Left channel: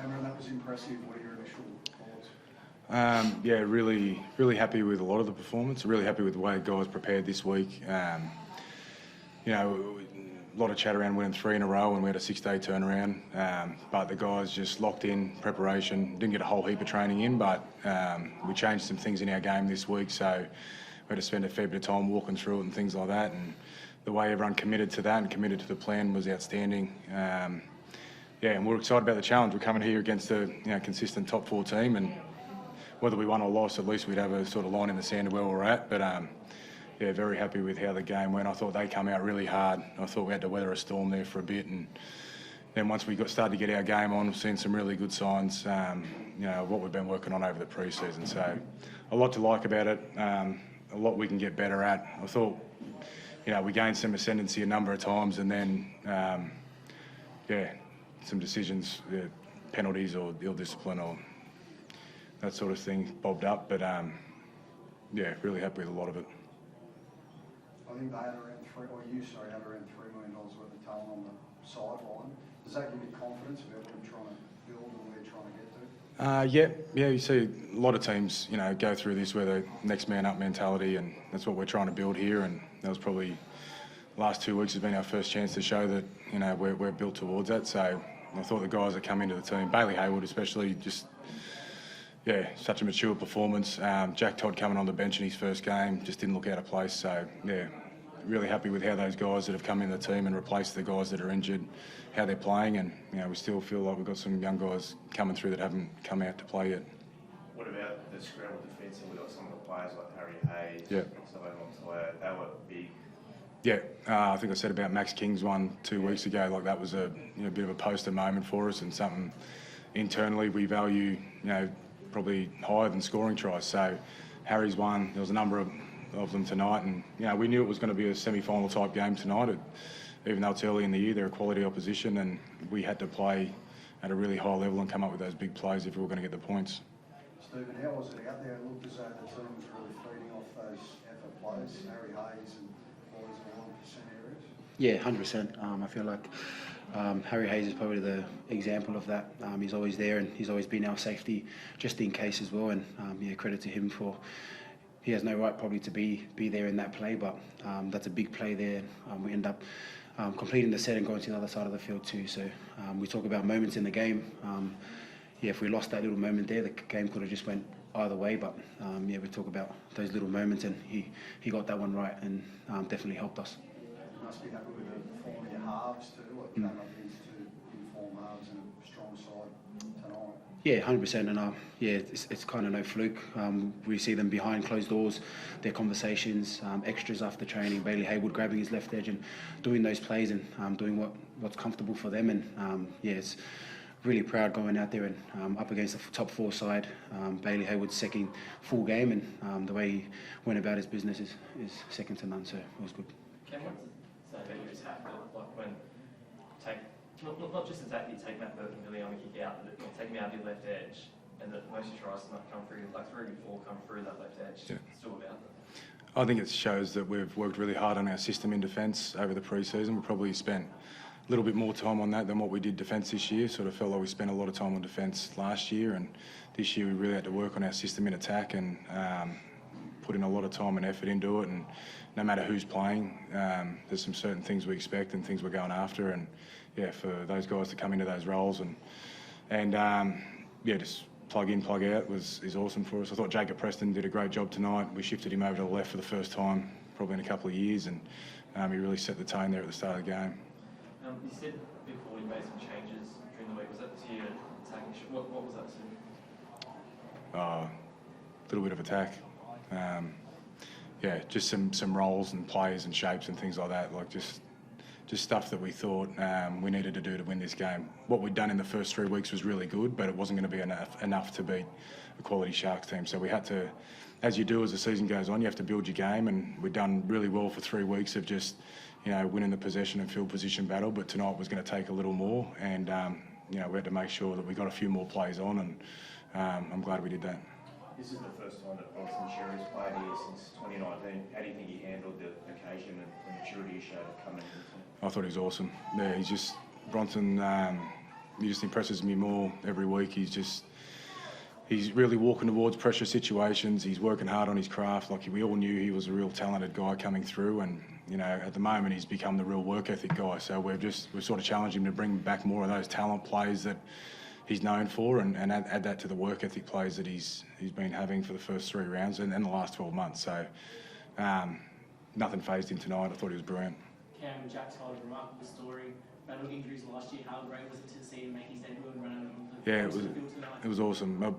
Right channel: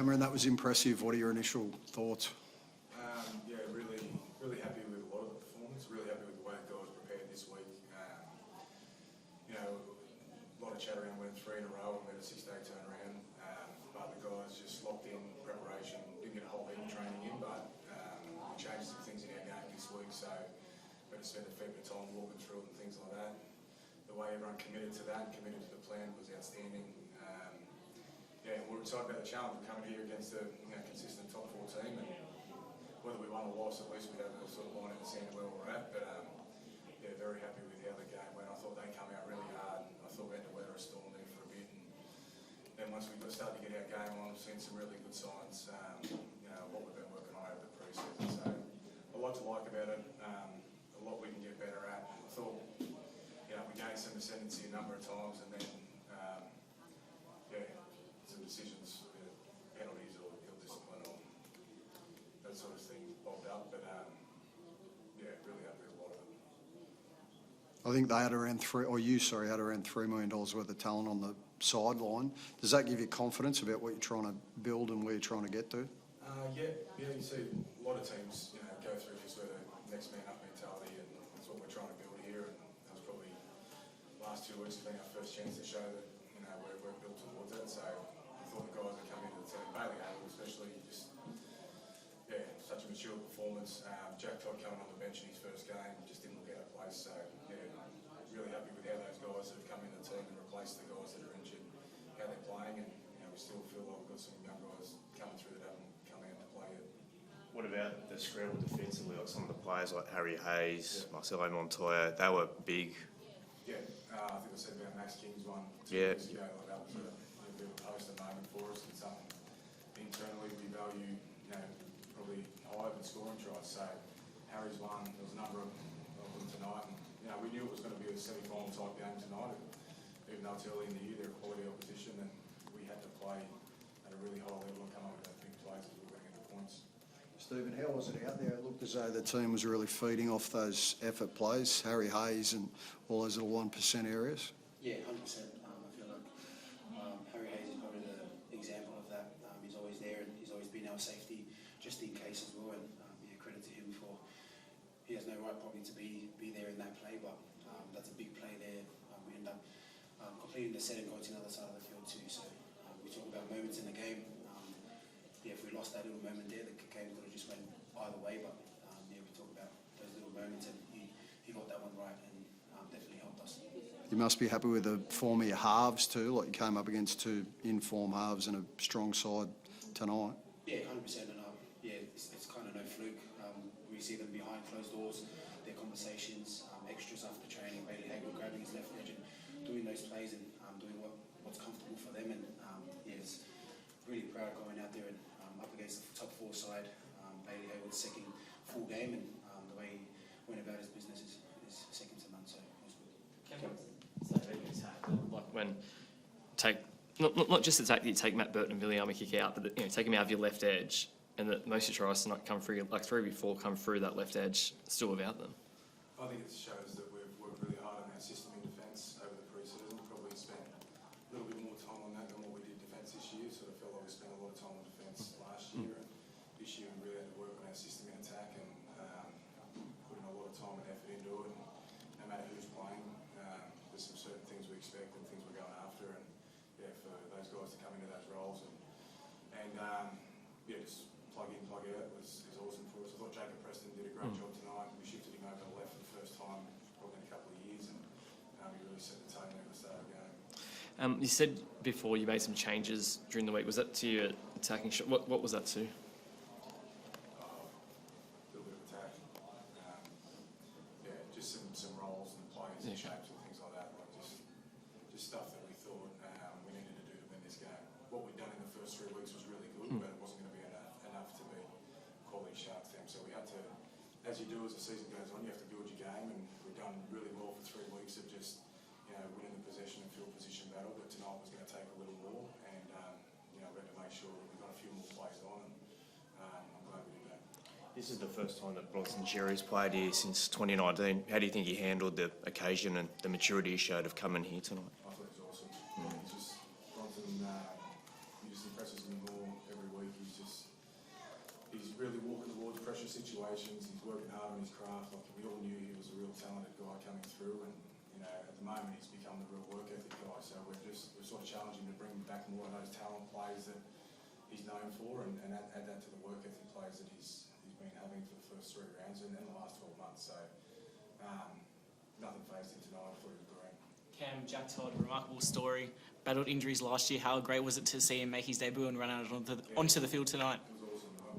Cameron, that was impressive. What are your initial thoughts? Yeah, really happy with a lot of the performance. Really happy with the way the guys prepared this week. You know, a lot of chat around winning 3 in a row and we had a 6-day turnaround. But the guys just locked in preparation. Didn't get a whole heap of training in, but we changed some things in our game this week. So we had to spend a fair bit of time walking through it and things like that. And the way everyone committed to that and committed to the plan was outstanding. Yeah, and we're excited about the challenge. We're coming here against a consistent top 4 team, and whether we won or lost, at least we'd have a sort of line in the sand of where we're at. But yeah, very happy with how the game went. I thought they come out really hard. I thought we had to weather a storm there for a bit, and then once we started to get our game on, we've seen some really good signs. You know, what we've been working on over the pre-season. So a lot to like about it. A lot we can get better at. I thought, you know, we gained some ascendancy a number of times, and then yeah, some decisions, penalties or ill discipline or that sort of thing bobbed up. But yeah, really happy with a lot of it. I think they had around had around $3 million worth of talent on the sideline. Does that give you confidence about what you're trying to build and where you're trying to get to? Yeah. You see a lot of teams, you know, go through this with a next man up mentality, and that's what we're trying to build here. And that was probably the last 2 weeks has been our first chance to show that, you know, we're built towards that. So I thought the guys that come into the team, Bailey Hayward especially, just yeah, such a mature performance. Jack Todd coming on the bench in his first game just didn't look out of place. So yeah, really happy with how those guys that have come in the team and replaced the guys that are injured, how they're playing, and you know, we still feel like we've got some young guys coming through that haven't come out to play yet. What about the scramble defence? And we've got some of the players like Harry Hayes, yeah, Marcelo Montoya. They were big. Yeah, I think I said about Max King's one 2 weeks ago. Like that was a bit of a poster moment for us, and something internally we value. You know, probably higher than scoring tries. So Harry's one. There was a number of them tonight, and you know, we knew it was going to be a semi-final type game tonight. Even though it's early in the year, they're a quality opposition, and we had to play at a really high level and come up with those big plays if we were going to get the points. Stephen, how was it out there? It looked as though the team was really feeding off those effort plays, Harry Hayes and all those little 1% areas. Yeah, 100%. I feel like Harry Hayes is probably the example of that. He's always there, and he's always been our safety just in case as well. And yeah, credit to him for. He has no right probably to be there in that play, but that's a big play there. We end up completing the set and going to the other side of the field too. So we talk about moments in the game. Yeah, if we lost that little moment there, the game could have just went either way. But yeah, we talk about those little moments, and he got that one right, and definitely helped us. You must be happy with the form of your halves too. Like you came up against 2 in-form halves and a strong side tonight. Yeah, 100%, and yeah, it's kind of no fluke. We see them behind closed doors, their conversations, extras after training. Bailey Hayward grabbing his left edge and doing those plays and doing what's comfortable for them. And yeah, it's really proud going out there and up against the top 4 side. Bailey Hayward's second full game, and the way he went about his business is second to none. So it was good. When not just the tack that you take Matt Burton and Viliame kick out, but take him out of your left edge, and that most of your tries to not come through, like 3 before come through that left edge, still without them. I think it shows that we've worked really hard on our system in defence over the pre-season. We probably spent a little bit more time on that than what we did defence this year. Sort of felt like we spent a lot of time on defence last year, and this year we really had to work on our system in attack and put in a lot of time and effort into it. And no matter who's playing, there's some certain things we expect and things we're going after. And yeah, for those guys to come into those roles and yeah, just plug in, plug out is awesome for us. I thought Jacob Preston did a great job tonight. We shifted him over to the left for the first time probably in a couple of years, and he really set the tone there at the start of the game. You said before you made some changes during the week. Was that to your attacking shot? What was that to? A little bit of attack. Yeah, just some roles and plays and shapes and things like that. Like just stuff that we thought we needed to do to win this game. What we'd done in the first 3 weeks was really good, but it wasn't going to be enough to beat a quality Sharks team. So we had to, as you do as the season goes on, you have to build your game, and we've done really well for 3 weeks of just, you know, winning the possession and field position battle. But tonight was going to take a little more, and you know, we had to make sure that we got a few more plays on, and I'm glad we did that. This is the first time that Bronson Xerri's played here since 2019. How do you think he handled the occasion and the maturity he showed of coming here tonight? I thought he was awesome. Yeah, he's just Bronson. just impresses me more every week. He's really walking towards pressure situations. He's working hard on his craft. Like, we all knew he was a real talented guy coming through, and you know, at the moment he's become the real work ethic guy. So we've sort of challenged him to bring back more of those talent plays that he's known for, and add that to the work ethic plays that he's been having for the first 3 rounds and the last 12 months. So nothing phased him tonight. I thought he was brilliant. Cam, Jack Todd, remarkable story. Battled injuries last year. How great was it to see him make his debut and run out onto the field tonight? It was awesome.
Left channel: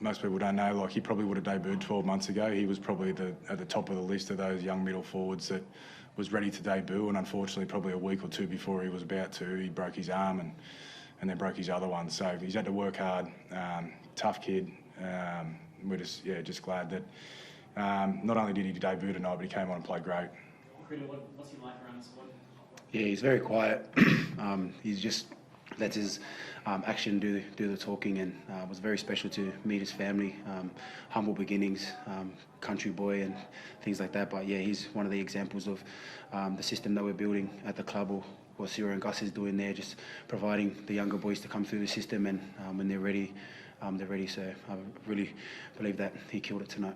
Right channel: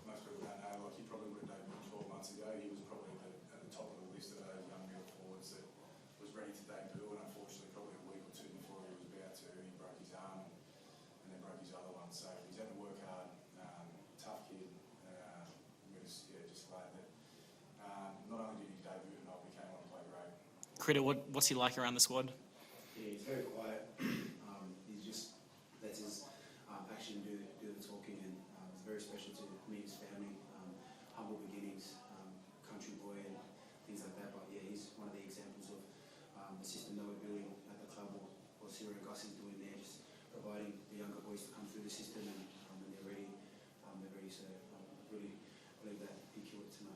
Most people don't know, like, he probably would have debuted 12 months ago. He was probably at the top of the list of those young middle forwards that was ready to debut, and unfortunately probably a week or two before he was about to, he broke his arm and then broke his other one. So he's had to work hard. Tough kid. We're just glad that not only did he debut tonight, but he came on and played great. Critter, what's he like around the squad? Yeah, he's very quiet. He's just lets his action do the talking, and it was very special to meet his family. Humble beginnings, country boy and things like that. But yeah, he's one of the examples of the system that we're building at the club, or what Ciro and Gus is doing there, just providing the younger boys to come through the system, and when they're ready, they're ready. So I really believe that he killed it tonight.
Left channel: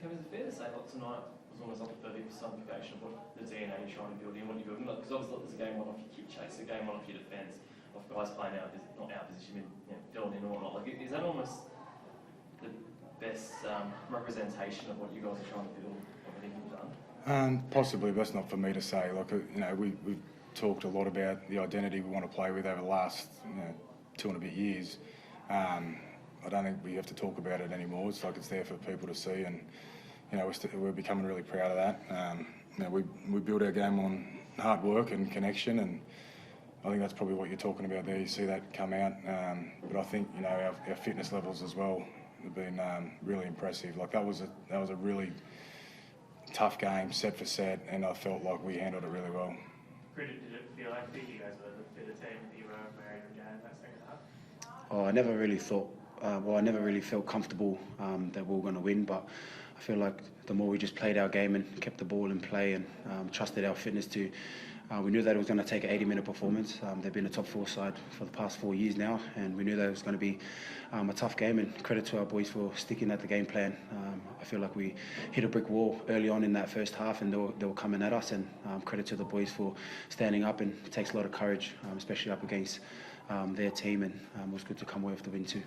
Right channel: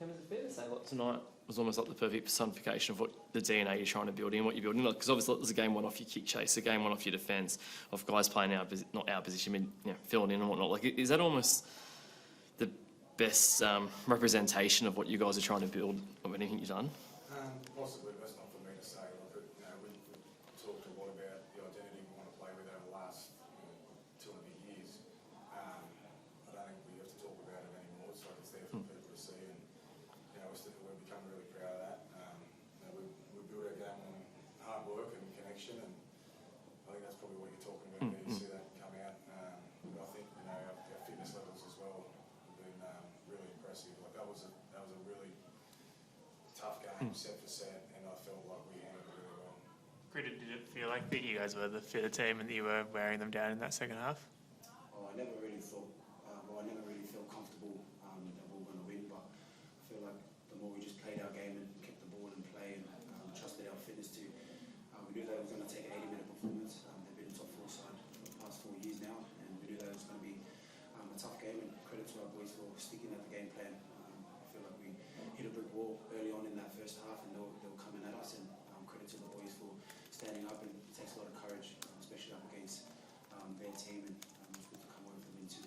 Is it fair to say like tonight was almost like the perfect personification of what the DNA you're trying to build in, what you're building? Because obviously there's a game one off your kick chase, a game one off your defence, of guys playing not our position, I mean, you know, filling in and whatnot. Like, is that almost the best representation of what you guys are trying to build of anything you've done? Possibly, but that's not for me to say. Like, you know, we've talked a lot about the identity we want to play with over the last 2 and a bit years. I don't think we have to talk about it anymore. It's like it's there for people to see, and you know, we're becoming really proud of that. You know, we build our game on hard work and connection, and I think that's probably what you're talking about there. You see that come out, but I think, you know, our fitness levels as well have been really impressive. Like, that was a really tough game, set for set, and I felt like we handled it really well. Did it feel like that you guys were the fitter team and that you were wearing them down in that second half? Oh, I never really thought. I never really felt comfortable that we were going to win, but I feel like the more we just played our game and kept the ball in play and trusted our fitness to, we knew that it was going to take an 80-minute performance. They've been a top 4 side for the past 4 years now, and we knew that it was going to be a tough game, and credit to our boys for sticking at the game plan. I feel like we hit a brick wall early on in that first half, and they were coming at us, and credit to the boys for standing up, and it takes a lot of courage, especially up against their team, and it was good to come away with the win too.